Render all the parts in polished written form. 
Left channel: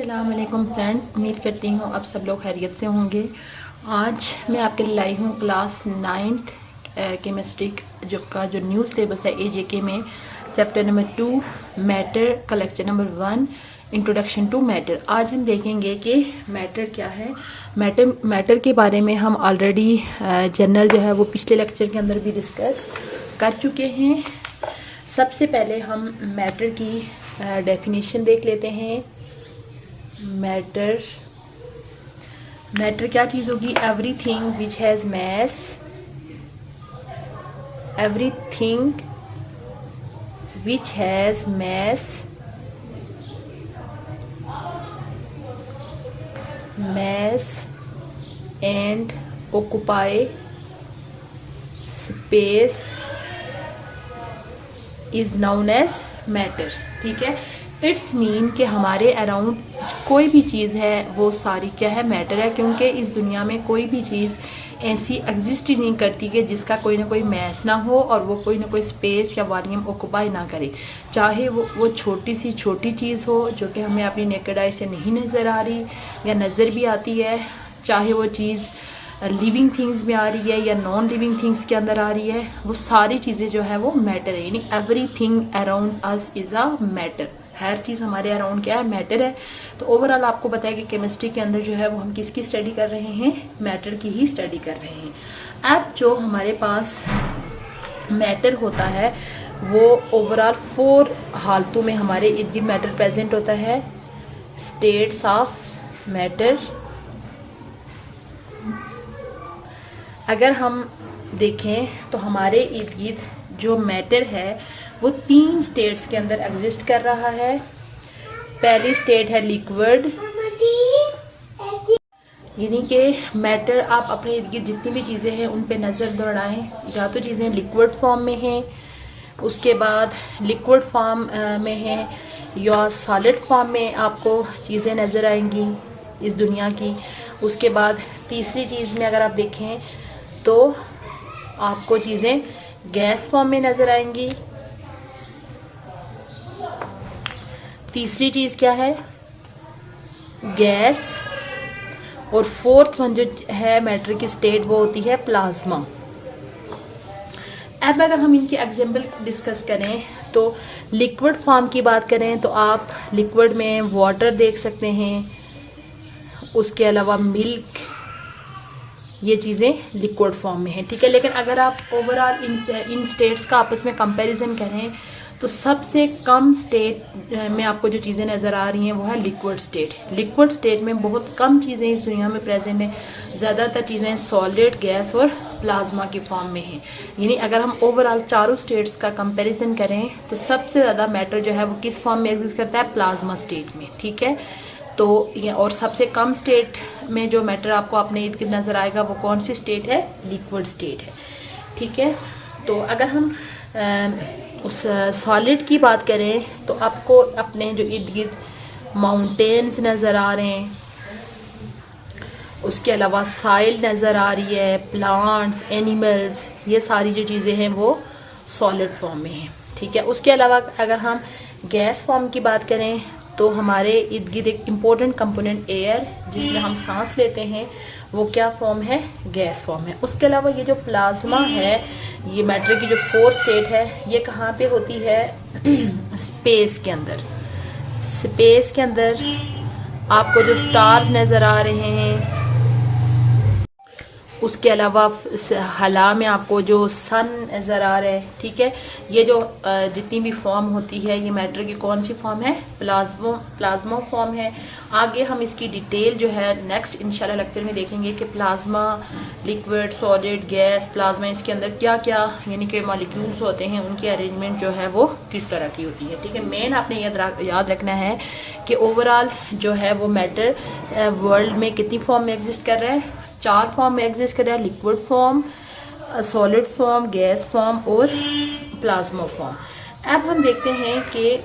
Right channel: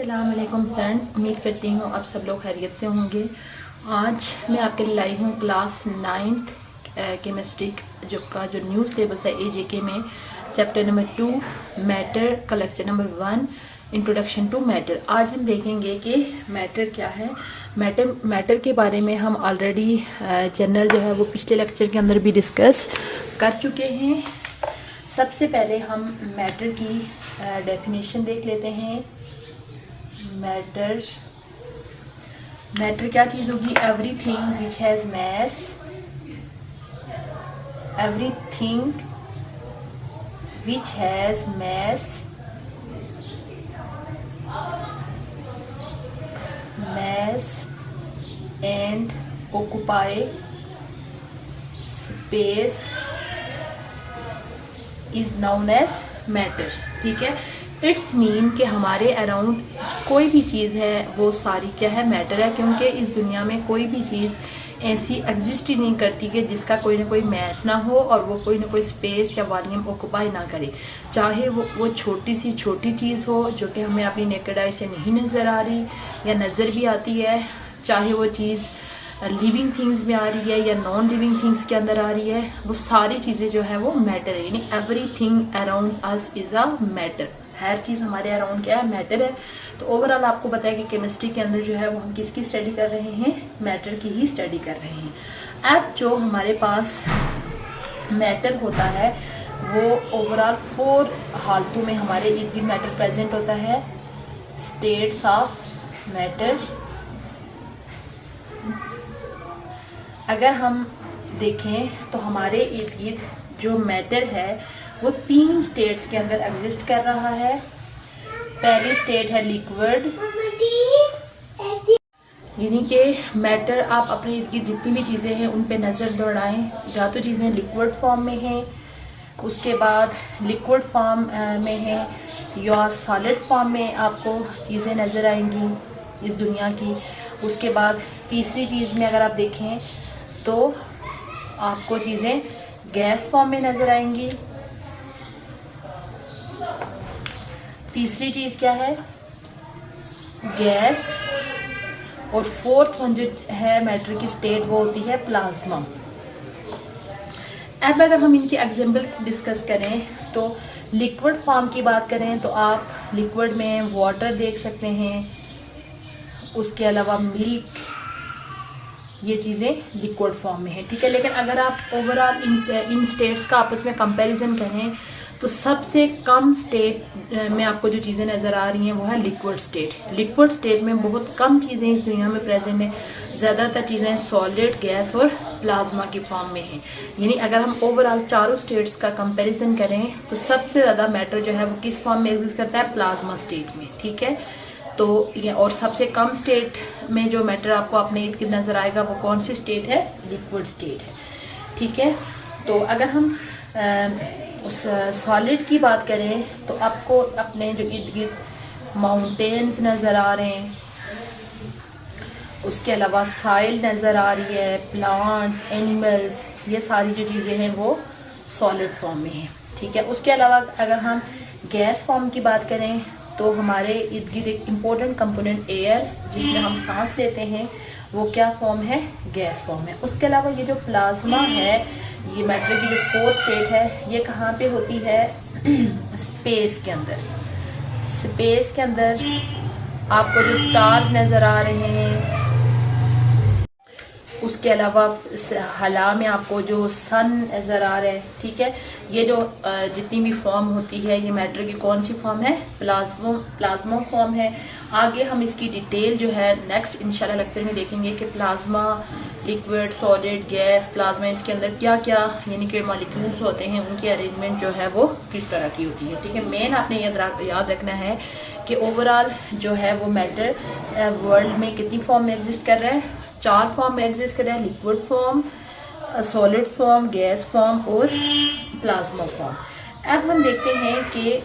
अस्सलामुअलैकुम फ्रेंड्स, उम्मीद करती हूँ आप सब लोग खैरियत से होंगे। आज मैं आपके लिए लाई हूँ क्लास 9th केमिस्ट्री जो न्यू सिलेबस है एजेके में चैप्टर नंबर 2 मैटर का lecture number 1 introduction to matter. आज हम देखेंगे कि मैटर क्या है। मैटर के बारे में हम ऑलरेडी जनरल जो है वो पिछले लेक्चर के अंदर भी डिस्कस कर चुके हैं। सबसे पहले हम मैटर की डेफिनेशन देख लेते हैं। मैटर क्या चीज होगी? Everything which has mass, everything which has mass and occupy space is known as matter. ठीक है, इट्स मीन कि हमारे अराउंड कोई भी चीज़ है वो सारी क्या है? मैटर है, क्योंकि इस दुनिया में कोई भी चीज़ ऐसी एग्जिस्ट ही नहीं करती कि जिसका कोई ना कोई मैस ना हो और वो कोई ना कोई स्पेस या वॉल्यूम ऑक्यूपाई ना करे। चाहे वो छोटी सी छोटी चीज़ हो जो कि हमें अपनी नेकेड आई से नहीं नज़र आ रही या नज़र भी आती है, चाहे वो चीज़ लिविंग थिंग्स में आ रही है या नॉन लिविंग थिंग्स के अंदर आ रही है, वो सारी चीज़ें जो है वो मैटर है। यानी everything around us is a matter. हर चीज़ हमारे अराउंड क्या है? मैटर है। तो ओवरऑल आपको बताया कि केमिस्ट्री के अंदर जो है वो हम किसकी स्टडी कर रहे हैं? मैटर की ही स्टडी कर रहे हैं। अब जो हमारे पास मैटर होता है वो ओवरऑल 4 हालतों में हमारे इर्द गिर्द मैटर प्रेजेंट होता है। States of matter. अगर हम देखें तो हमारे इर्द गिर्द जो मैटर है वो 3 स्टेट्स के अंदर एग्जिस्ट कर रहा है। पहली स्टेट है लिक्विड, यानी कि मैटर आप अपने इर्द गिर्द जितनी भी चीजें हैं उन पे नजर दौड़ाएं, या तो चीजें लिक्विड फॉर्म में हैं, उसके बाद लिक्विड फॉर्म में है या सॉलिड फॉर्म में आपको चीजें नजर आएंगी इस दुनिया की। उसके बाद तीसरी चीज में अगर आप देखें तो आपको चीजें गैस फॉर्म में नजर आएंगी। तीसरी चीज क्या है? गैस। और फोर्थ वन जो है मैटर की स्टेट वो होती है प्लाज्मा। अब अगर हम इनकी एग्जांपल डिस्कस करें तो लिक्विड फॉर्म की बात करें तो आप लिक्विड में वाटर देख सकते हैं, उसके अलावा मिल्क, ये चीजें लिक्विड फॉर्म में है। ठीक है, लेकिन अगर आप ओवरऑल इन स्टेट्स का आपस में कंपैरिजन करें तो सबसे कम स्टेट में आपको जो चीजें नजर आ रही हैं वो है लिक्विड स्टेट। लिक्विड स्टेट में बहुत कम चीजें इस दुनिया में प्रेजेंट है, ज्यादातर चीजें सॉलिड, गैस और प्लाज्मा की फॉर्म में हैं। यानी अगर हम ओवरऑल चारों स्टेट्स का कंपैरिजन करें तो सबसे ज्यादा मैटर जो है वो किस फॉर्म में एग्जिस्ट करता है? प्लाज्मा स्टेट में। ठीक है, तो ये और सबसे कम स्टेट में जो मैटर आपको अपने इर्द गिर्द नजर आएगा वो कौन सी स्टेट है? लिक्विड स्टेट है। ठीक है, तो अगर हम उस सॉलिड की बात करें तो आपको अपने जो इर्द गिर्द माउंटेन्स नजर आ रहे हैं, उसके अलावा साइल नजर आ रही है, प्लांट्स, एनिमल्स, ये सारी जो चीजें हैं वो सॉलिड फॉर्म में है। ठीक है, उसके अलावा अगर हम गैस फॉर्म की बात करें तो हमारे इर्द गिर्द एक इम्पोर्टेंट कंपोनेंट एयर जिसमें हम सांस लेते हैं वो क्या फॉर्म है? गैस फॉर्म है। उसके अलावा ये जो प्लाज्मा है, ये मैटर की जो 4th स्टेट है, ये कहाँ पे होती है? स्पेस के अंदर। स्पेस के अंदर आपको जो स्टार्स नजर आ रहे हैं, उसके अलावा हला में आपको जो सन नजर आ रहा है। ठीक है, ये जो जितनी भी फॉर्म होती है ये मैटर की कौन सी फॉर्म है? प्लाज्मा फॉर्म है। आगे हम इसकी डिटेल जो है नेक्स्ट इंशाल्लाह लेक्चर में देखेंगे कि plasma, liquid, solid, gas, plasma, इसके अंदर क्या क्या यानी कि मॉलिक्यूल्स होते हैं, उनकी अरेंजमेंट जो है वो किस तरह की होती है। ठीक है, मेन आपने याद रखना है कि ओवरऑल जो है वो मैटर वर्ल्ड में कितनी फॉर्म में एग्जिस्ट कर रहा है? 4 फॉर्म में एग्जिस्ट कर रहा है। Liquid form, solid form, gas form और प्लाज्मा फॉर्म। अब हम देखते हैं कि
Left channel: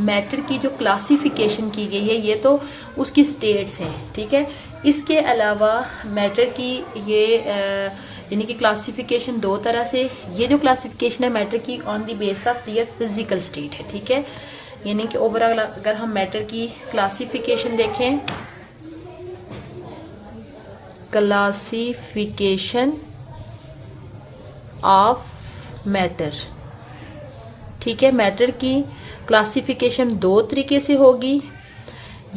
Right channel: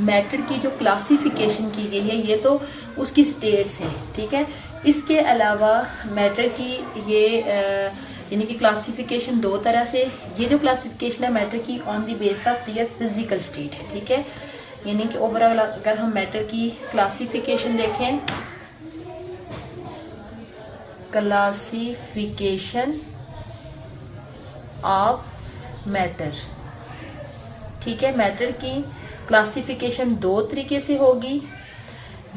मैटर की जो क्लासिफिकेशन की गई है ये तो उसकी स्टेट्स हैं। ठीक है, इसके अलावा मैटर की ये यानी कि क्लासिफिकेशन 2 तरह से। ये जो क्लासिफिकेशन है मैटर की on the base of their physical state है। ठीक है, यानी कि ओवरऑल अगर हम मैटर की क्लासिफिकेशन देखें, क्लासिफिकेशन ऑफ मैटर, ठीक है। मैटर की क्लासिफिकेशन दो तरीके से होगी,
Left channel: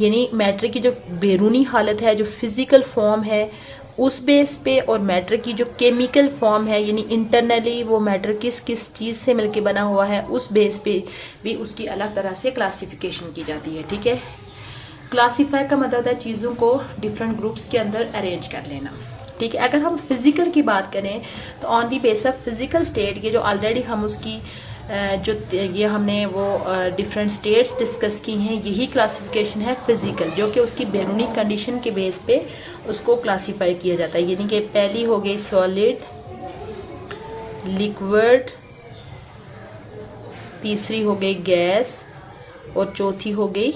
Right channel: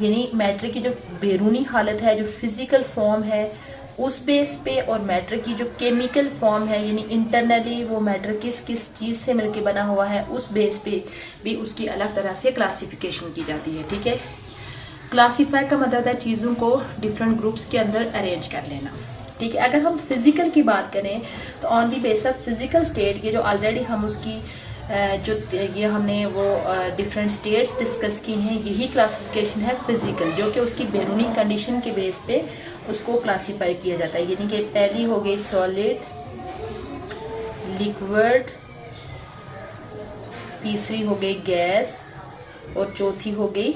यानी मैटर की जो बैरूनी हालत है, जो फिजिकल फॉर्म है उस बेस पे, और मैटर की जो केमिकल फॉर्म है यानी इंटरनली वो मैटर किस किस चीज से मिलके बना हुआ है उस बेस पे भी उसकी अलग तरह से क्लासिफिकेशन की जाती है, ठीक है। क्लासिफाई का मतलब है चीजों को डिफरेंट ग्रुप्स के अंदर अरेंज कर लेना, ठीक है। अगर हम फिजिकल की बात करें तो on the base of physical state, ये जो ऑलरेडी हम उसकी जो ये हमने वो डिफरेंट स्टेट्स डिस्कस की हैं, यही क्लासिफिकेशन है फिजिकल, जो कि उसकी बैरूनी कंडीशन के बेस पे उसको क्लासिफाई किया जाता है। यानी कि पहली हो गई सॉलिड, लिक्विड, तीसरी हो गई गैस और चौथी हो गई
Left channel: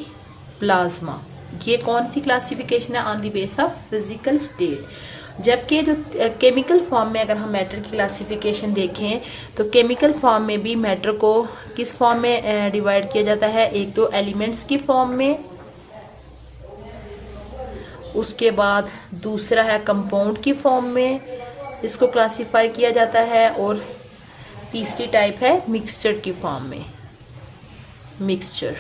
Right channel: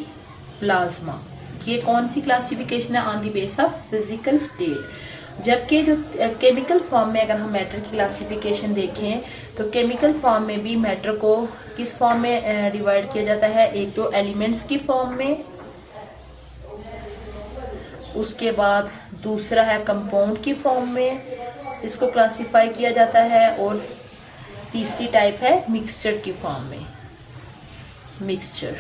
प्लाज्मा। ये कौन सी क्लासिफिकेशन है? On the base of physical state. जबकि जो केमिकल फॉर्म में अगर हम मैटर की क्लासिफिकेशन देखें तो केमिकल फॉर्म में भी मैटर को किस फॉर्म में डिवाइड किया जाता है? एक तो एलिमेंट्स की फॉर्म में, उसके बाद दूसरा है कंपाउंड की फॉर्म में इसको क्लासिफाई किया जाता है, और तीसरी टाइप है मिक्सचर की फॉर्म में, मिक्सचर।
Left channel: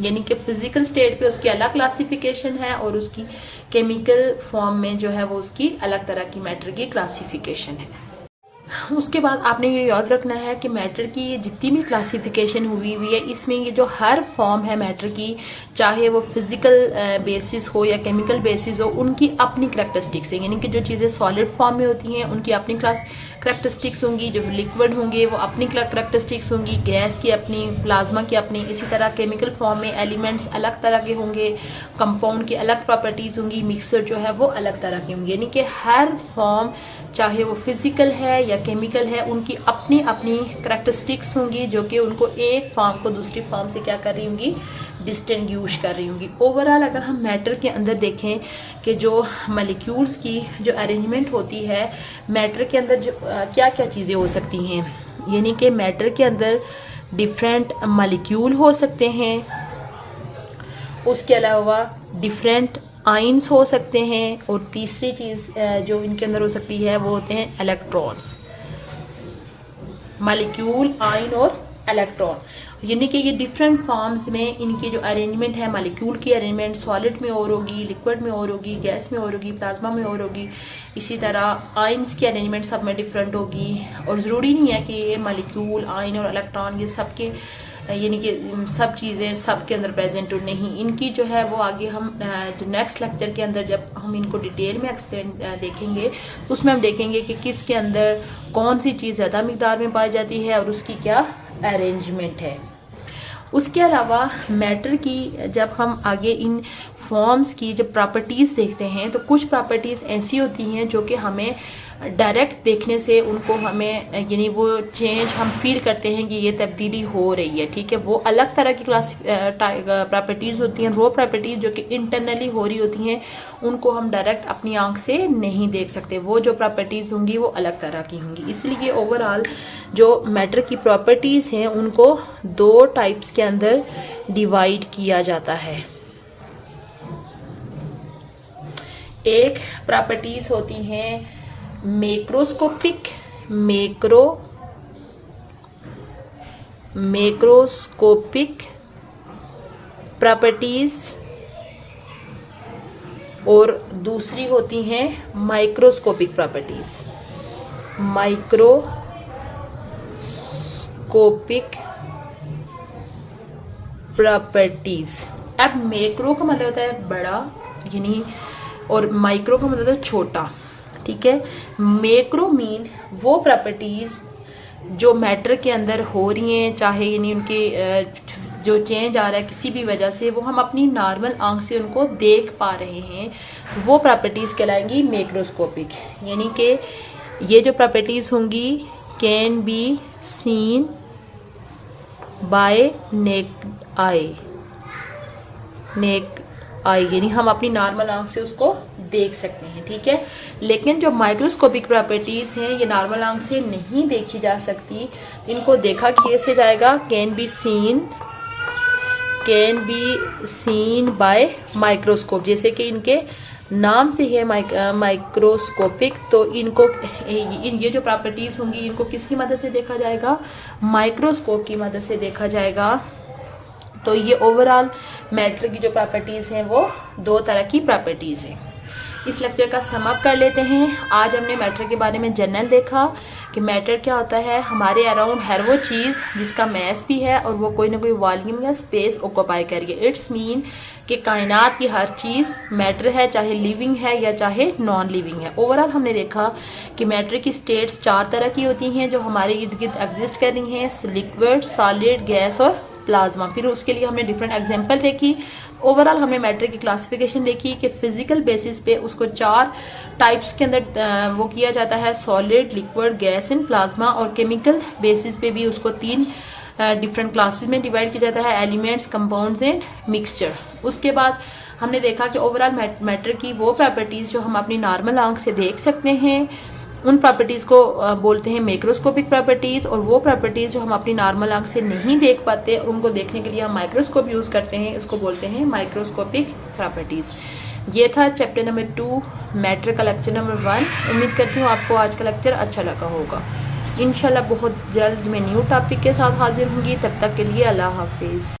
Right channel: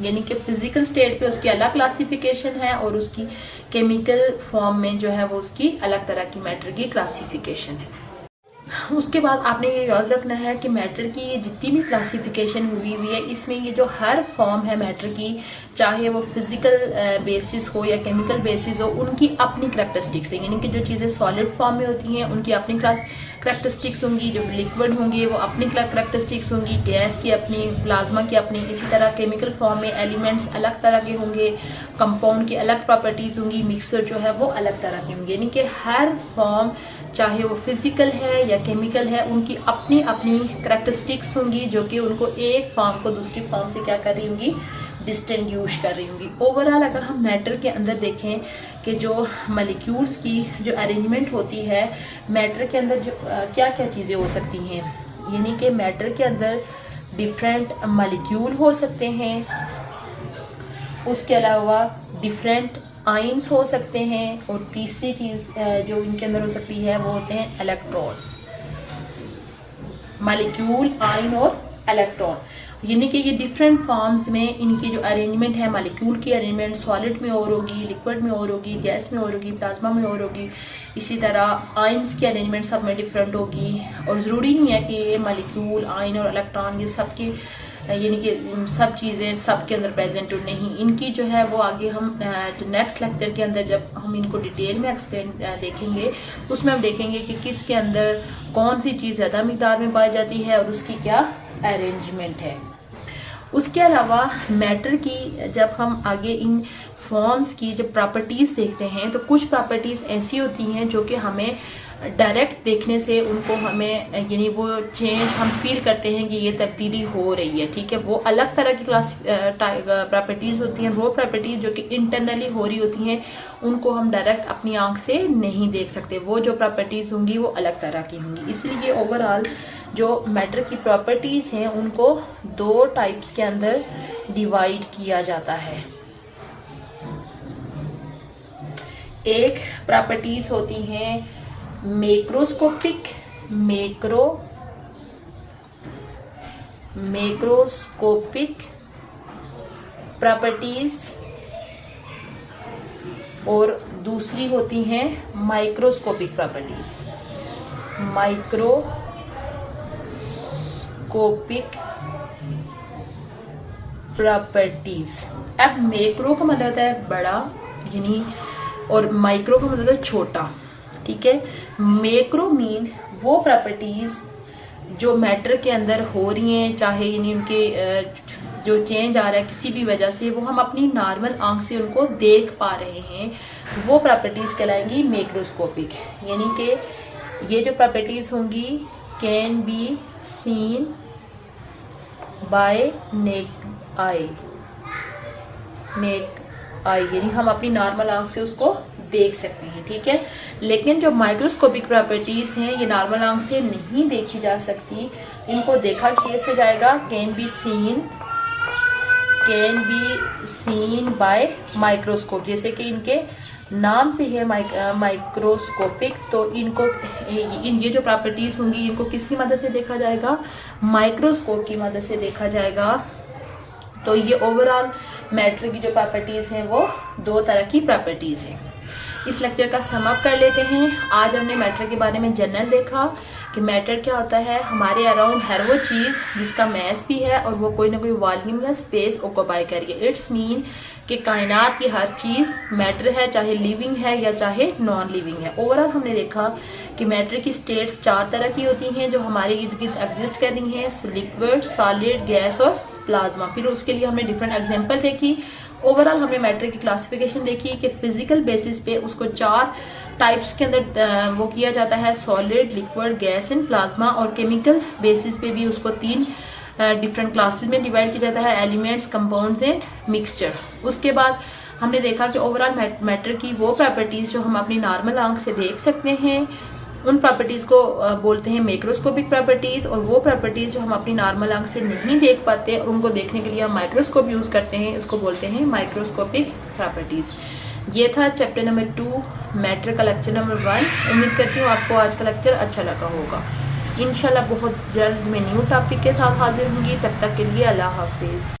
यानी कि फिजिकल स्टेट पे उसकी अलग क्लासिफिकेशन है और उसकी केमिकल फॉर्म में जो है वो उसकी अलग तरह की मैटर की क्लासिफिकेशन है। उसके बाद आपने ये याद रखना है कि मैटर की ये जितनी भी क्लासिफिकेशन हुई है इसमें ये जो हर फॉर्म है मैटर की, चाहे वो फिजिकल बेसिस हो या केमिकल बेसिस हो, उनकी अपनी करैक्टरिस्टिक्स है। यानी कि जो चीजें सॉलिड फॉर्म में होती हैं उनकी अपनी करैक्टरिस्टिक्स होंगी, जो लिक्विड होंगे वो अपनी करैक्टरिस्टिक्स होंगी, गैस की अपनी, प्लाज्मा की अपनी। इसी तरह केमिकल फॉर्म में एलिमेंट्स अलग तरह के होंगे, कंपाउंड की अलग प्रॉपर्टीज होंगी, मिक्सर जो है वो अलग तरह के होंगे। यानी कि हर फॉर्म चाहे वो फिजिकल है या केमिकल है उनकी अपनी अपनी करैक्टरिस्टिक्स होंगी, जो कि उनको एक फॉर्म को दूसरी फॉर्म से क्या कर रही होंगी? डिस्टिंग्विश कर रही होंगी। ओवरऑल अगर हम मैटर के अंदर देखें कि जो मॉलिक्यूल्स की जो अरेंजमेंट होती है मैटर के अंदर, जो क्या क्या चीजें हो सकती हैं, यानी कि मैटर के अंदर डिफरेंट मॉलिक्यूल हो सकते हैं, उसके अलावा डिफरेंट आयंस हो सकते हैं, और तीसरी चीज जो इनके अंदर हो सकती है वो होते हैं इलेक्ट्रॉन्स। मॉलिक्यूल, आयन और इलेक्ट्रॉन, यानी कि ये डिफरेंट फॉर्म्स में इनकी जो अरेंजमेंट है, मॉलिक्यूल की अरेंजमेंट सॉलिड में और होगी, लिक्विड में और होगी, गैस में और होगी, प्लाज्मा में और होगी। इसी तरह आयंस की अरेंजमेंट सब में डिफरेंट होगी, और जरूरी नहीं है कि ये मॉलिक्यूल, आयन और इलेक्ट्रॉन ये सबके यानी कि सब चीजें सबके अंदर प्रेजेंट हो, नहीं। इनकी जो है वो आगे हम नेक्स्ट लेक्चर के अंदर जब हम इनको डिटेल में एक्सप्लेन देखेंगे उसमें हम देखेंगे कि किसके अंदर कौन सी चीज ज्यादा मिकदार में पाई जाती है और उसकी क्या अरेंजमेंट है। उसके अलावा मैटर की जब हम आगे इन फॉर्म्स की जब प्रॉपर्टीज देखते हैं तो कुछ प्रॉपर्टीज ऐसी होती हैं जो कि हमें डायरेक्ट देखने से उनको हमें यानी वो चेंज हम फील करते हैं कि ये तब्दीली हो रही है, ठीक है। वो अलग तरह की प्रॉपर्टीज होती हैं, रो प्रॉपर्टीज जो कि इंटरनली हो रही होती हैं, उनको हम डायरेक्ट अपनी आंख से नहीं देख सकते। वो जो प्रॉपर्टीज होंगी वो अलग तरह की होंगी। इसलिए ओवरऑल जो मैटर की प्रॉपर्टीज हैं उनको दो टाइप्स के अंदर डिवाइड किया जाता है। एक प्रॉपर्टीज होती हैं मैक्रोस्कोपिक प्रॉपर्टीज, और दूसरी होती हैं माइक्रोस्कोपिक प्रॉपर्टीज। अब मैक्रो का मतलब होता है बड़ा, यानी, और माइक्रो का मतलब है छोटा, ठीक है। मैक्रो मीन वो प्रॉपर्टीज जो मैटर के अंदर हो रही हैं, चाहे यानी उनके जो चेंज आ रहा है किसी भी वजह से, वो हम अपनी नॉर्मल आंख से उनको देख पा रहे हैं, तो वो प्रॉपर्टीज कहलाएंगी मैक्रोस्कोपिक। यानी कि ये जो प्रॉपर्टीज होंगी can be seen by naked eye, यानी हम अपनी नॉर्मल आंख से उसको देख सकते हैं, ठीक है। लेकिन जो माइक्रोस्कोपिक प्रॉपर्टीज हैं ये नॉर्मल आंख से नहीं देखी जा सकती, इनको देखा कैसे जाएगा? Can be seen can be seen by microscope, जैसे कि इनके नाम से है माइक्रोस्कोपिक, तो इनको ये जो प्रॉपर्टीज होंगी इनको किसकी मदद से देखा जाएगा, माइक्रोस्कोप की मदद से देखा जाएगा। तो ये ओवरऑल मैटर की जो प्रॉपर्टीज हैं वो दो तरह की प्रॉपर्टीज हैं। इस लेक्चर का सम अप कर लेते हैं। आज हमने मैटर के बारे में जनरल देखा कि मैटर क्या होता है, हमारे अराउंड हर वो चीज जिसका मैस भी है और वो कोई ना कोई वॉल्यूम या स्पेस ऑक्यूपाई कर रही है। इट्स मीन कि कायनात की हर चीज मैटर है, चाहे लिविंग है या चाहे नॉन लिविंग है। ओवरऑल हमने देखा कि मैटर की स्टेट्स 4 तरह की होती हैं जो हमारे इर्द गिर्द एग्जिस्ट कर रही हैं, लिक्विड, सॉलिड, गैस और प्लाज्मा। फिर उसके लिए हमने डिफरेंट एग्जांपल देखी। ओवरऑल हमने मैटर की क्लासिफिकेशन देखी कि फिजिकल बेसिस पे उसको 4 टाइप्स के अंदर वो किया जाता है, solid, liquid, gas and plasma. और केमिकल बेसिस पे भी उसको 3 डिफरेंट क्लासेस में डिवाइड किया जाता है, एलिमेंट्स, कंपाउंड्स एंड मिक्सचर। उसके बाद हमने देखा कि ओवरऑल मैटर की वो प्रॉपर्टीज जो हम अपनी नॉर्मल आंख से देख सकते हैं उन प्रॉपर्टीज को बोलते हैं मैक्रोस्कोपिक प्रॉपर्टीज, और वो प्रॉपर्टीज जो हम अपनी नॉर्मल आंख से नहीं देख पाते उनको देखने के लिए हम माइक्रोस्कोप यूज करते हैं, उसको बोलते हैं माइक्रोस्कोपिक प्रॉपर्टीज। ये था चैप्टर नंबर 2 मैटर का लेक्चर नंबर 1। उम्मीद करती हूँ आपको आज का लेक्चर अच्छा लगा होगा। इंशाल्लाह बहुत जल्द मैं न्यू टॉपिक के साथ हाजिर होंगी। तब तक के लिए अल्लाह हाफिज।